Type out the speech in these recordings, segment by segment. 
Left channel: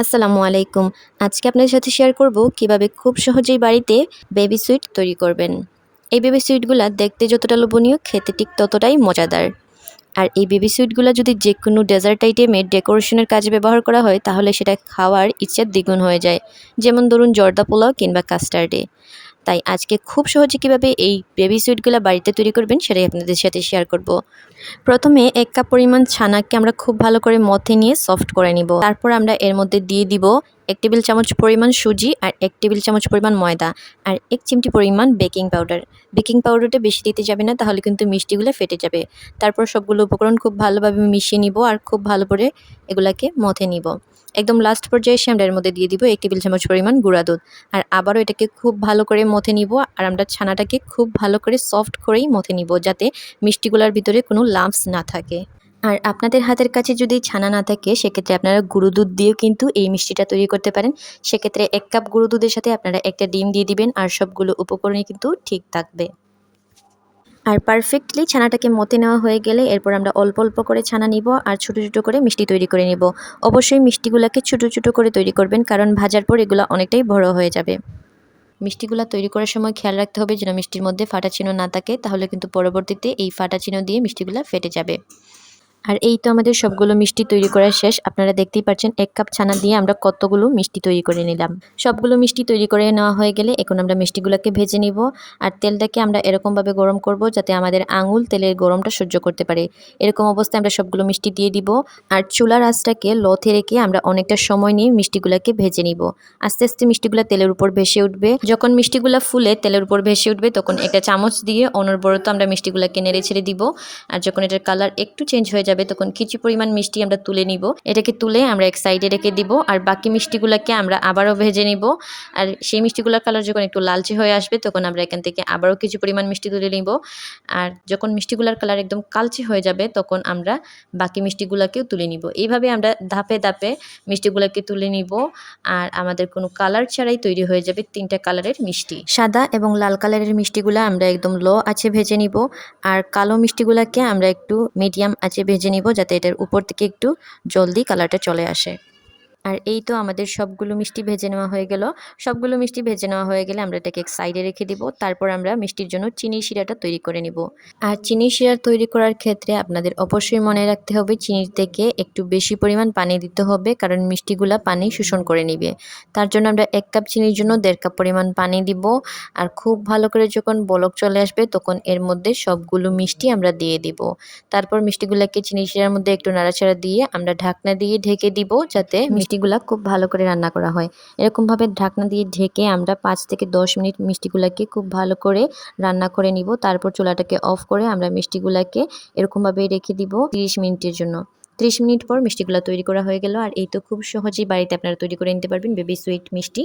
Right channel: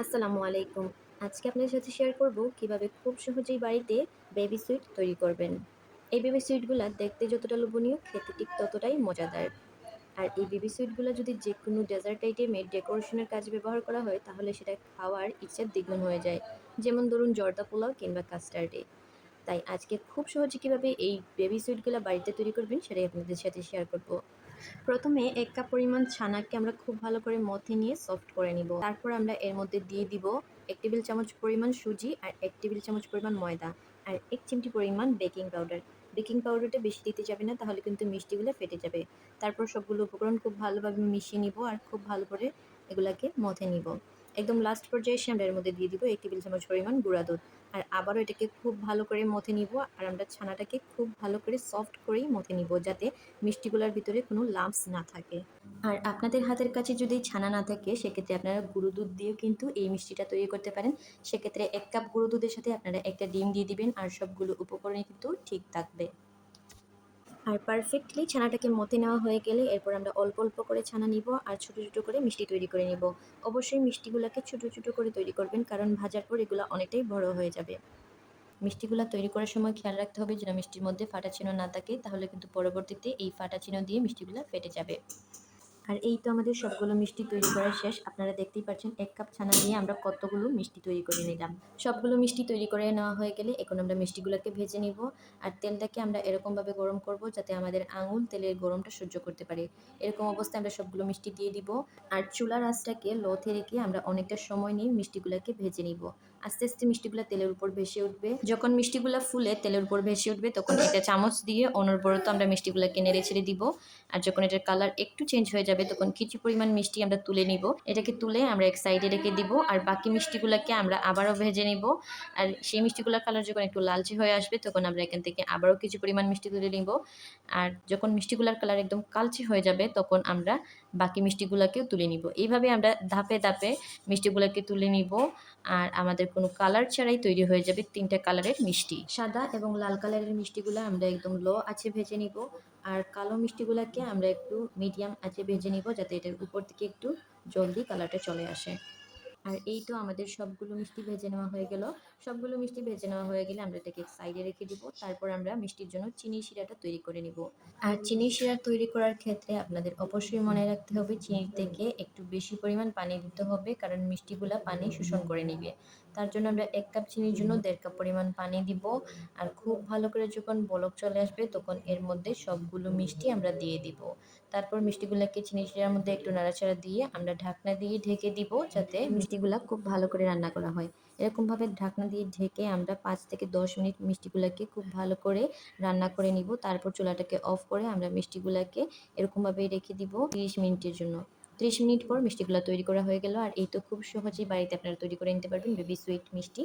আসসালামু আলাইকুম। আজকে আপনাদের সাথে শেয়ার করব কিভাবে খুব সহজেই বাড়িতে বেবি সুইট তৈরি করবেন। এই বেবি সুইটগুলা দেখতে যতটা লোভনীয়, খেতে ঠিক ততটাই মজাদার। আর এই বেবি সুইটগুলা যদি যেকোনো ডেজার্ট আইটেমে ডেকোরেশনের কাজে ব্যবহার করা হয় তাহলে সেটা খাওয়ার ইচ্ছা দ্বিগুণ হয়ে যায়। যেমন ধরুন জর্দা পোলাও কিংবা কাস্টার্ডে। তাই আজকে খুব সহজে কিভাবে এই বেবি সুইটগুলা বাড়িতে তৈরি করবেন সেটাই আপনাদের সাথে শেয়ার করব। প্রথমে ১ কাপ পরিমাণ ছানাকে আমরা খুব ভালো করে মথে নিয়ে সফট করে নিব। তারপর আমরা এর মধ্যে দিয়ে দিব ১ টেবিল চামচ পরিমাণ সুজি আর ১ টেবিল চামচ পরিমাণ ময়দা আর ১ চিমটি পরিমাণ বেকিং পাউডার। বেকিং পাউডারটা বেশি দিতে যাবে না, তাহলে কিন্তু মিষ্টিগুলো ফেটে যাবে। তারপর সবগুলো উপকরণ খুব ভালোভাবে মিশিয়ে নিব আর খুব ভালো করে এগুলাকে মথে নিব। একদম লাস্ট পর্যায়ে এসে আমরা এর মধ্যে দিয়ে দিব ১ টেবিল চামচ পরিমাণ গুঁড়া দুধ। আর আবারও এটাকে খুব ভালো করে মথে নিব আর আমরা ছানাটাকে খুব ভালো করে সফট করেই মথে নিব, যাতে মিষ্টিগুলার ভিতরে কোনো লাম্পস না থাকে। আর আপনাদের হাতের কাছে যদি ছানা না থাকে সেক্ষেত্রে আপনারা গুঁড়ো দুধ দিয়েও কিন্তু এই মিষ্টিটা তৈরি করতে পারেন। সেক্ষেত্রে ১ কাপ গুঁড়ো দুধের সাথে আপনারা একটা ডিম দিয়ে দিবেন আর সবগুলো উপকরণই কিন্তু ঠিক থাকবে। আর পারফেক্টলি ছানাটাকে মতে নেওয়া হয়ে গেলে এরপর আমরা অল্প অল্প করে ছানা নিব আর ছোটো ছোটো করে মিষ্টি তৈরি করে নিব। অবশ্যই মিষ্টিগুলোকে ছোটো ছোটো করে তৈরি করবেন, কারণ ভাজার পর এগুলো অনেকটাই বড় হয়ে যাবে। মিষ্টিগুলা তৈরি করার সময় খেয়াল রাখতে হবে যেন মিষ্টির মধ্যে ফাটা চিহ্ন না থাকে, তাহলে কিন্তু পরবর্তীতে এই ফাটা চিহ্ন দিয়ে মিষ্টিগুলা ফেটে যাবে। আর এই তো আমাদের সবগুলো মিষ্টি তৈরি করা শেষ। আপনারা দেখতেই পাচ্ছেন ১ কাপ ছানা দিয়ে আমরা কতগুলো মিষ্টি তৈরি করে নিলাম। সবগুলো মিষ্টি তৈরি করে নেওয়া হয়ে গেলে এখন আমরা মিষ্টিগুলোকে ভেজে নিব। আর তেলটাকে আমরা এরকমভাবে গরম করব যাতে আমাদের আঙুল তেলের গরমটা সহ্য করতে পারে। এরকম অবস্থায় আমরা সবগুলো মিষ্টি দিয়ে দিব আর চুলার আঁচটাকে লোতে রেখে আমরা অনেকটা সময় নিয়ে মিষ্টিগুলোকে ভেজে নিব। আস্তে আস্তে মিষ্টিগুলো তেলের উপর ভেসে উঠবে। যখন মিষ্টিগুলো ফুলে তেলের উপর ভেসে উঠবে তখন একটা চামচ দিয়ে অনবরত আমরা মিষ্টিগুলোকে নেড়ে ছেড়ে দিব। আর যখন এটার কালার একটু চেঞ্জ হয়ে যাবে তখন কিছু পরিমাণ মিষ্টি আমরা তুলে নিব। এটাকে তুলে আমরা এক সাইডে রেখে দিব আর বাকি মিষ্টিগুলোকে আমরা আবারও ভেজে নিব। আর সেই মিষ্টিগুলোর কালার যখন একটু লালচে হয়ে আসবে তখন আমরা এখান থেকে আবারও কিছু পরিমাণ মিষ্টি তুলে নিব। আর যখন মিষ্টিগুলোর কালার একদম কালচে হয়ে যাবে তখন আমরা বাকি মিষ্টিগুলোকেও তুলে নিব। এইভাবে আমরা ধাপে ধাপে মিষ্টিগুলোকে তুলে নিব। আর আমাদের কোনো কালার ছাড়াই তৈরি হয়ে যাবে 3টা কালারের মিষ্টি। সাদা এবং লাল কালারের মিষ্টিগুলো আমরা একদম লো আঁচে ভেজে নিব আর কালো মিষ্টিগুলোকে আমরা একটু মিডিয়াম আঁচে ভেজে নিব, যাতে এটার উপর থেকে একটু জলদি কালারটা চলে আসে। আর এই তো আমাদের সবগুলো মিষ্টি ভেজে নেওয়া হয়ে গেল। সবগুলো মিষ্টি ভেজে নেওয়া হয়ে গেলে আমরা এটাকে এক সাইডে রেখে দিব। তারপর আমরা মিষ্টির জন্য চিনির শিরাটা তৈরি করে নিব। আর চিনির শিরা তৈরি করার ক্ষেত্রে আপনাদের অবশ্যই মনে রাখতে হবে চিনির থেকে একটু বেশি পরিমাণ পানি দিতে হবে, কারণ মিষ্টিগুলা পানি শোষণ করে নিবে। তার জন্য আমরা ১ কাপ চিনির জন্য ১.৫ কাপ পরিমাণ পানি দিব। আর খুব ভালো করে যখন বলক চলে আসবে তখন এর মধ্যে সবগুলো মিষ্টি আমরা দিয়ে দিব। তারপর মিষ্টিগুলাকে চিনির শিরার মধ্যে একটু নাড়াচাড়া দিয়ে আমরা ঢাকনা দিয়ে ঢেকে দিব, যাতে মিষ্টিগুলা খুব ভালো করে রান্না করা হয়। এরকমভাবে ঢাকনা দিয়ে ঢেকে আমরা ৫ থেকে ১০ মিনিট মিষ্টিগুলাকে খুব ভালো করে রান্না করে নিব। তারপর চুলাটাকে অফ করে আমরা মিষ্টিগুলাকে এরকমভাবে রেখে দিব ৩০ মিনিটের জন্য। ৩০ মিনিট পর মিষ্টিগুলা তৈরি করা হয়ে গেল। আর এই তো খুব সহজেই বাড়িতে আপনারা তৈরি করে নিতে পারবেন বেবি সুইট মিষ্টি।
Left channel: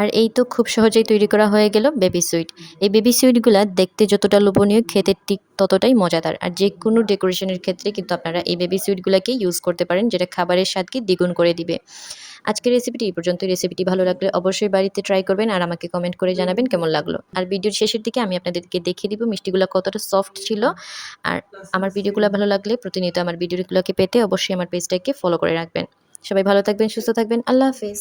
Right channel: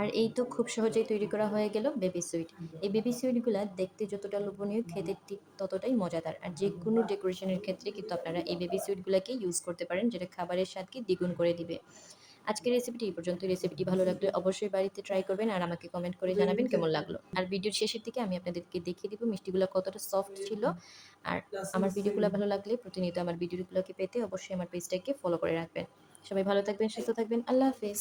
আর এই তো খুব সহজেই তৈরি করা হয়ে গেল বেবি সুইট। এই বেবি সুইটগুলা দেখতে যতটা লোভনীয়, খেতে ঠিক ততটাই মজাদার। আর যেকোনো ডেকোরেশনের ক্ষেত্রে কিন্তু আপনারা এই বেবি সুইটগুলাকে ইউজ করতে পারেন, যেটা খাবারের স্বাদকে দ্বিগুণ করে দিবে। আজকের রেসিপিটি এই পর্যন্তই। রেসিপিটি ভালো লাগলে অবশ্যই বাড়িতে ট্রাই করবেন আর আমাকে কমেন্ট করে জানাবেন কেমন লাগলো। আর ভিডিওর শেষের দিকে আমি আপনাদেরকে দেখিয়ে দিব মিষ্টিগুলো কতটা সফট ছিল। আর আমার ভিডিওগুলো ভালো লাগলে প্রতিনিয়ত আমার ভিডিওগুলোকে পেতে অবশ্যই আমার পেজটাকে ফলো করে রাখবেন। সবাই ভালো থাকবেন, সুস্থ থাকবেন। আল্লাহ হাফেজ।